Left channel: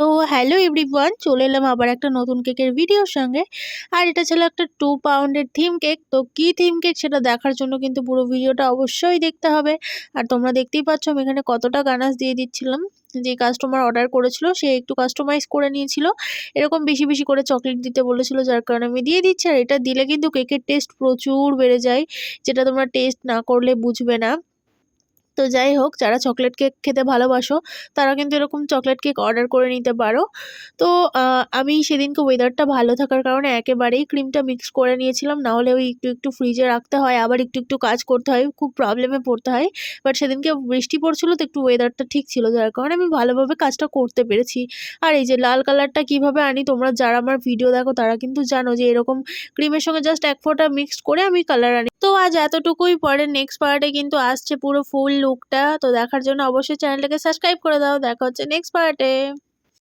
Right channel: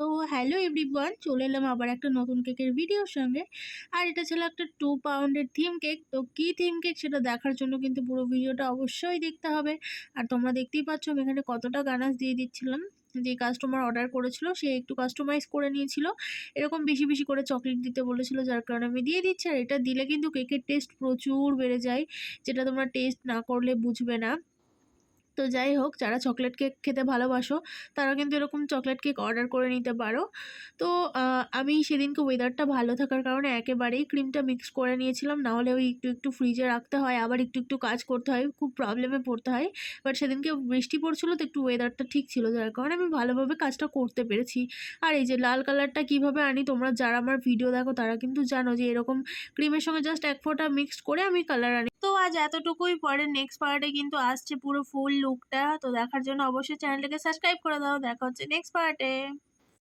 তো hello everyone, চলে এলাম আবার একটা নতুন কেকের ভিডিওর সঙ্গে। আর এটা ছিল একটা 2 পাউন্ডের থিম কেক। তো কি থিম কেক সেটা দেখার জন্য কিন্তু পুরো ভিডিওটা অবশ্যই দেখতে হবে। আর তোমরা দেখতেই পাচ্ছ আমি এখানে কতটা গানাশ দিয়ে দিচ্ছিলাম। যে কাস্টমার অর্ডার করেছিল সে একটু কাস্টমাইজ করে নিয়েছিল, এরকম বেশি বেশি করে চকলেট দিতে বলেছিল, যার কারণে আমি দিয়ে দিচ্ছি। আর এটা দিলে কিন্তু কেকের টেস্ট প্রচুর বেড়ে যায়, যেটা তোমরা টেস্ট না করলে বুঝবে না। তো যাই হোক, যারা চকলেট কেক খেতে ভালোবাসো তারা কিন্তু এরকম চকলেট কেক অর্ডার করে নিতে পারো। তো আমি সেদিনকে ওয়েদারটা ভালো থাকার কারণে একেবারেই ক্রিমটা মিক্স করে নিয়েছিলাম, নাহলে ওই একটু একটু ফ্রিজে রাখতে হয়, আবার একটু একটু কাজ করতে হয়, খুব প্রবলেমে পড়তে হয়। বাট সেদিনকে বৃষ্টি পড়ছিল, তো একটু ওয়েদারটা ঠিক ছিল, যার কারণে আমি ভালোভাবে কাজটা করতে পেরেছি। আর এই যে লাল কালারটা কিভাবে আনি, তোমরা যারা আমার ভিডিও দেখো তারা কিন্তু জানো যে এরকম ক্রিমের সঙ্গে জাস্ট এক ফোঁটা মিক্সড করে আমি কালার আনি। তো আজ এতটুকুই, পরে নেক্সট পার্টে কিন্তু আসছে পুরো ফুল লুকটা। তো দেখার জন্য অবশ্যই চ্যানেলটাকে সাবস্ক্রাইব করে দাও। দেখা হচ্ছে নেক্সট পার্টে।